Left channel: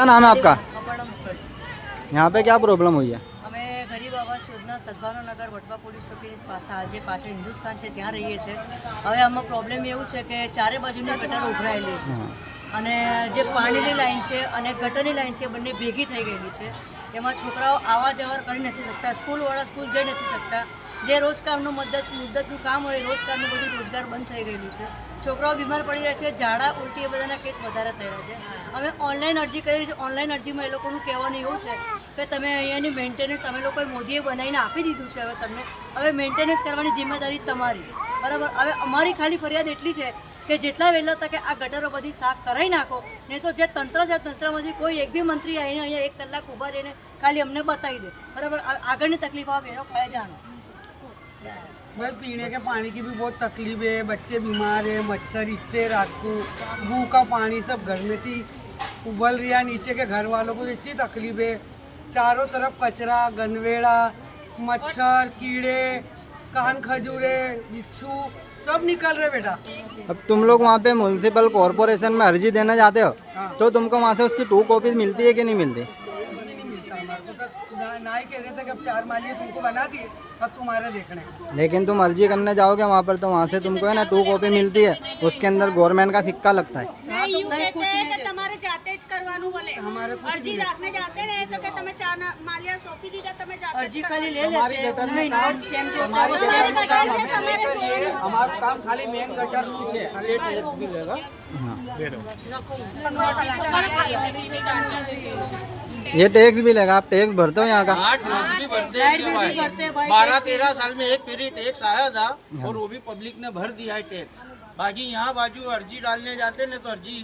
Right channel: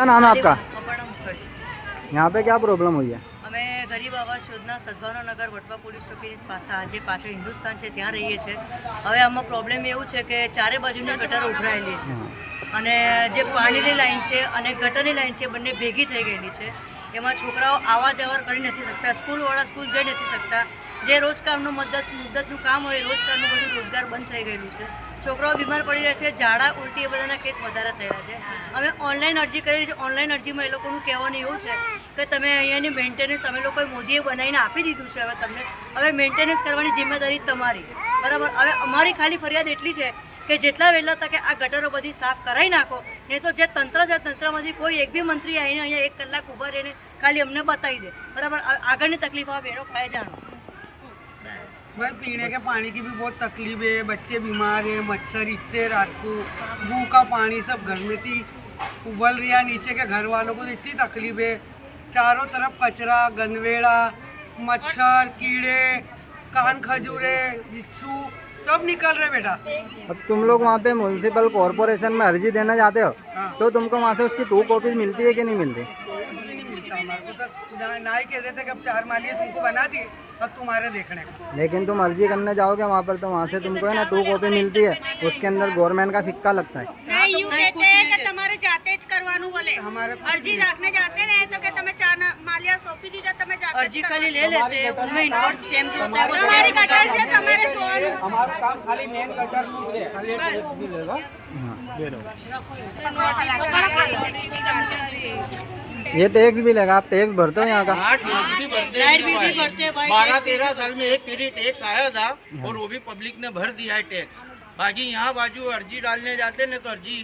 क्या नाम है आपका? अपर्णा मुखर्जी। यहाँ पे क्या प्रॉब्लम हुई है? અમે ગરીબ આવાસ યોજના સદભાવના નગર વટવા પોલીસ ચોકી જે પાછળ હિન્દુસ્તાન છે ત્યાં રહીએ છીએ। હવે આમાં પ્રોબ્લેમ એવું છે કે ચારે બાજુની ગટરો ઉભરાયેલી છે અને જે પાણીની લાઈન છે અને ગટરની લાઈન છે બંને ભેગી થઈ ગયેલી છે। એમાં છોકરાઓ આવા જવર કરી નથી શકતા, સ્કૂલવાળા સ્કૂલ જઈ નથી શકતા। જે રોજગારનું મુદ્દતનું કામ હોય રોજગારનું બધું રોજગાર બંધ થઈ ગયેલું છે। છોકરાઓ બીમાર પડી રહ્યા છે, ઝાડા ઉલટી એ બધાના કેસ વધારે થયા છે। અમે ઓનલાઈન અરજી કરી છે। ઓનલાઈન અરજીમાં એ લોકોનું કહેવાનું એવું છે કે તમે અહીંયાની મેન્ટેનન્સ અમે લોકોએ મોદીએ બનાવીને આપી દીધું છે। હવે મેન્ટેનન્સ કરવાની જિમ્મેદારી તમારી, બરાબર। હવે અમારી ખાલી ફરિયાદ એટલી છે કે જેટલા વહેલા તકે આ ગટરો બધી સાફ કરાવી નાખો, નહીં તો જે તંત્ર છે તંત્રમાંથી કોઈ એક બી મંત્રી આવીને અહીંયા 1 કલાક ઊભા રહીને ખાલી અમને બતાવી દે, બરાબર। આગળની તકલીફો आप एनो पाए जानो। भाई पीने के पानी की भी बहुत तकलीफ है, बच्चे बीमार है, मच्छर इतने रात को, मुँह का पानी सब घर में से उबल रहा, नीचे के घर वालों को इतनी तकलीफ है। चारों तरफ कचरा, गनवेड़ा, मच्छर, कीड़े, कान खजूरे, बिच्छू सब निकल रहे बेटा। अब तुम लोग वहाँ पे म्यूनसिपल कॉर्पोरेशन में अर्जी देना चाहते हो तो तुमको वहाँ से उसकी 2 कॉपीज मिलती है कि नहीं मिलती? हमारे को तो ना ही कहते थे कि अब 4 मालिये तुमको बना दिए, अब तुम्हारे देखने का। लेकिन तुम अर्जी करने जाओगे वहाँ पर तो वहाँ से तुमको है ना 2 कॉपी मिलती है, उसके अंदर गवर्नमेंट का सिक्का लगता है। તમારે જાતે જ કરવાનું બોલે। हमारे અરજી રાખને જાતે ને તો કે તમે 4 માલિયા સોંપી દીધા, તમે જાતે અરજી ખાલી ले लेते हैं, उनमें इन्वर्स स्कैम जो होता है वो તમારી ગટર છે તમારે જોવાનું। हमारा काम खाली मेन गटर નું છે। ये टैक्स भी लगा, आप टैक्स भरते हो यहाँ का? लाइट बिल भी भरते हैं भाई। 12-13 साल में एक पीरियड टैक्स आया था और वो भी पब्लिक ने भर दिया है टैक्स। बाकी यहाँ बाजू अर्जी डालने जाते ना तो अर्जी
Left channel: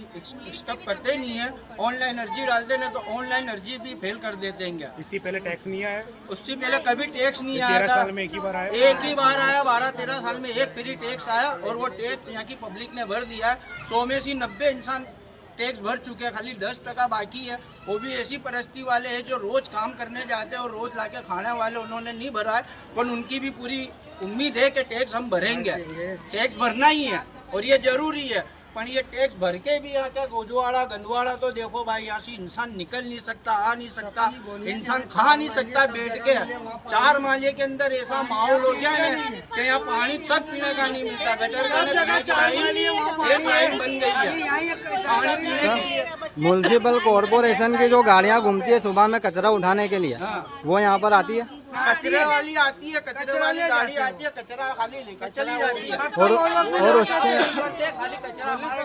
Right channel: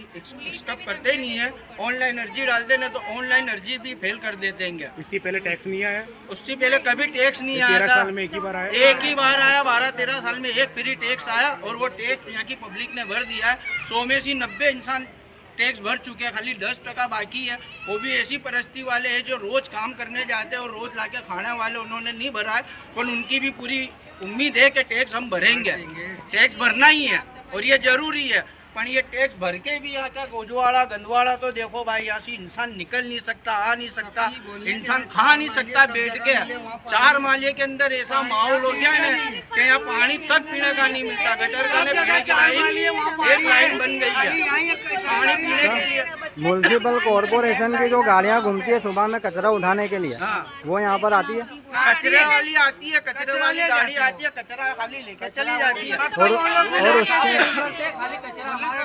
स्टॉप करते ही नहीं है, ऑनलाइन अर्जी डालते ना तो ऑनलाइन अर्जी भी फेल कर देते हैं। इससे पहले टैक्स नहीं आया? उससे पहले कभी टैक्स नहीं आया था, एक ही बार आया। 12-13 साल में एक पीरियड टैक्स आया और वो टैक्स यहाँ की पब्लिक ने भर दिया है। 100 में से 90 इंसान टैक्स भर चुके हैं, खाली 10% बाकी है। वो भी ऐसी परिस्थिति वाले हैं जो रोज काम करने जाते हैं और रोज लाके खाने वाले, उन्होंने नहीं भरा है। पर उनकी भी पूरी उम्मीद है कि टैक्स हम भरेंगे, टैक्स भरना ही है और ये जरूरी है। पर ये टैक्स भर के भी यहाँ का गोजवाड़ा गंदवाड़ा तो देखो भाई, यहाँ से इंसान निकल नहीं सकता, आ नहीं सकता, इंसान खा नहीं सकता बैठ के। 4 माले के अंदर ऐसा माहौल हो गया है ना कि यहाँ पानी तक पीने का नहीं मिलता। गटर का पीने की लाइन एक लाइन बन गई है पानी पीने के लिए। म्यूनसिपल कॉर्पोरेशन की जो गाड़ियाँ घूमती है सुबह में कचरा उठाने के लिए, वो यहाँ पर आती है? कचरे वाली आती है, कचरे वाली गाड़ी आती है, कचरा खाली लेके चली जाती है।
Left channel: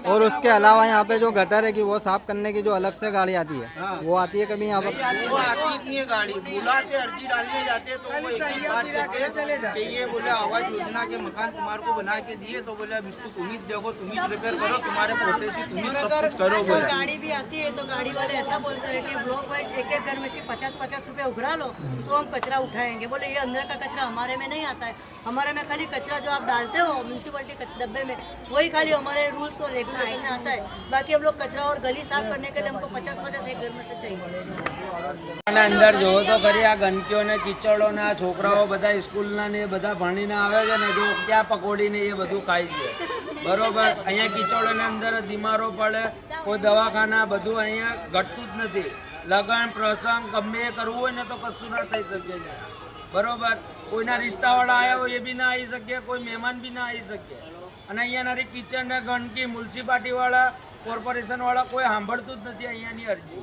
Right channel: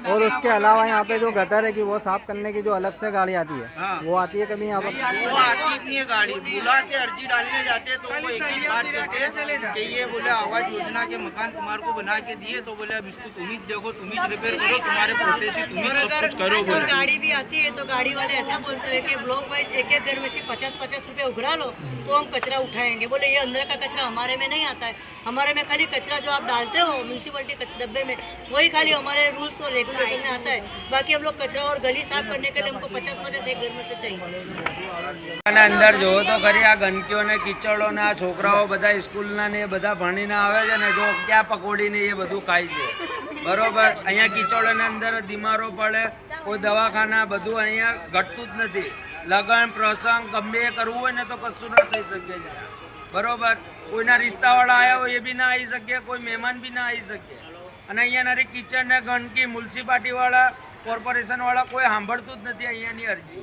और उसके अलावा यहाँ पे जो गटर है कि वो साफ करने की जो अलग से गाड़ी आती है वो आती है कभी यहाँ पर? वो आती नहीं है गाड़ी, बुलाते अर्जी डालने जाते तो वो एक ही बात कहते हैं कि ये बोले आवास योजना के मकान तुम्हारे को बना के दिए, तो बोले अब इसको तुम ही देखो, तुम ही रिपेयर करो, तुम्हारे पोते से तुम ही सब कुछ करो बोले। गाड़ी भी आती है तो गाड़ी वाले ऐसा बोलते हैं कि ब्लॉक वाइज एक घर में से 50-50 रुपए उघरा लो तो हम कचरा उठाएंगे। बोले ये अंदर का कचरा हमारे में नहीं आता है, हमारे में खाली कचरा जो आप डालते हो म्यूनसिपलिटी डब्बे में वही खाली हमारे रूल्स और रेगुलेशन में आता है। बाकी हम लोग कचरा और गली साफ करने के लिए हमको 50-50 एक घर में से चाहिए। अंदर जो तो खरी आ गंदकीओ ने कीचड़ो ने आ छोकराओ बधा स्कूलना ने बधा भणीने आवे छे ने जो क्या पकोड़ी ने ये बधुं खाय छे, बरोबर। अहींया कीचड़ो ने अंदर बीमारो पड़े, कोई दवाखाना बधुं अहींया घटतुं ज नथी। लग्न प्रसंग गमे करवुं होय ने तो कशुं न थई शके, बरोबर। कोईना रिश्तावाळा आया हो ये भी ना आई शके, कोई मेहमान भी ना आई शके। અને અહીંયા નરી કિચન ને ગંદકી મ્યુનિસિપાલિટી વાળા કોર્પોરેશન વાળા કોઈ સાંભળતું જ નથી અહીંયાની અરજી।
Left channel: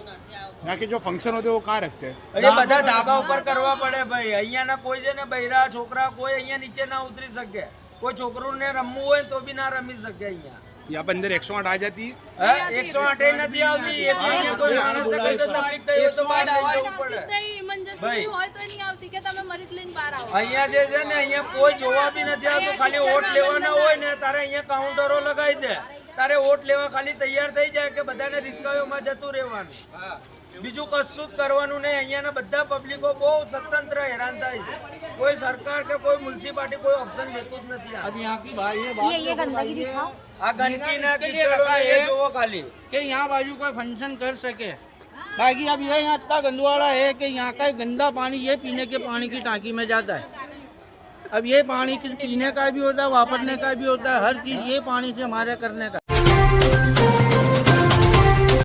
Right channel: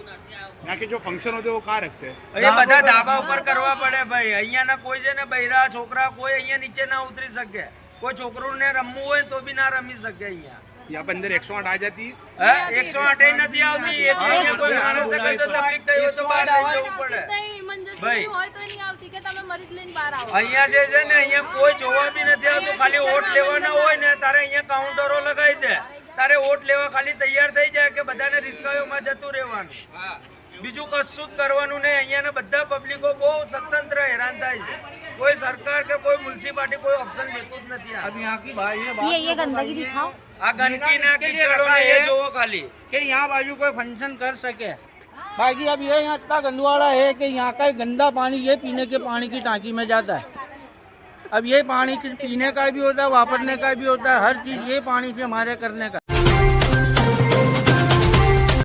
यहाँ के जो फंक्शन होते हैं वो कहाँ रखते हैं? એ બધા ધાબા ઉપર કરવા પડે ભાઈ। અહીંયાના કોઈ છે ને બૈરા છોકરા કોઈ અહીંયા નીચે ના ઉતરી શકે, કોઈ છોકરોને રમવું હોય તો બી ના રમી શકે અહીંયા। यहाँ पे अंदर 108 आ जाती है? 108 નથી આવતી, એ બી અહીંયા કોઈ માણસને કોઈ તો તકલીફ થઈ હોય તો બહાર લઈ જવું પડે ભાઈ। અહીંયા જે છે ને અહીંયા કોઈ જોવા બી નથી આવતું, ખાલી વોટ લેવાના હોય ને તારે અહીંયા કાઉન્ટરો લગાવી દે, તારે વોટ લેવા ખાલી તૈયાર થઈ જાય કે બધાને રિસ્કાઓમાં જતું રહેવાનું, બીજું કશું જ કરવાનું નહીં। અહીંયાના બધા પબ્લિકો બહુ સ્વતંત્ર હેરાન થાય છે, કોઈ સરકાર કે કોઈ મ્યુનિસિપાલિટી કોઈ ઓપ્શન દેતું જ નથી। अब यहाँ की भाई ये गंदगी આ ગંદકી ને कीचड़ो ने ये જોવો ખાલી कि यहाँ बाजू कोई फंक्शन कर सके। बाकी अब ये यहाँ इतना गंदवाड़ा है कि यहाँ का गंदा पानी ये पीने के पानी की टांकी में जाता है। अब ये पानी पीने का भी होता है, वापरने का भी होता है, हर चीज ये पानी से हमारे करने का।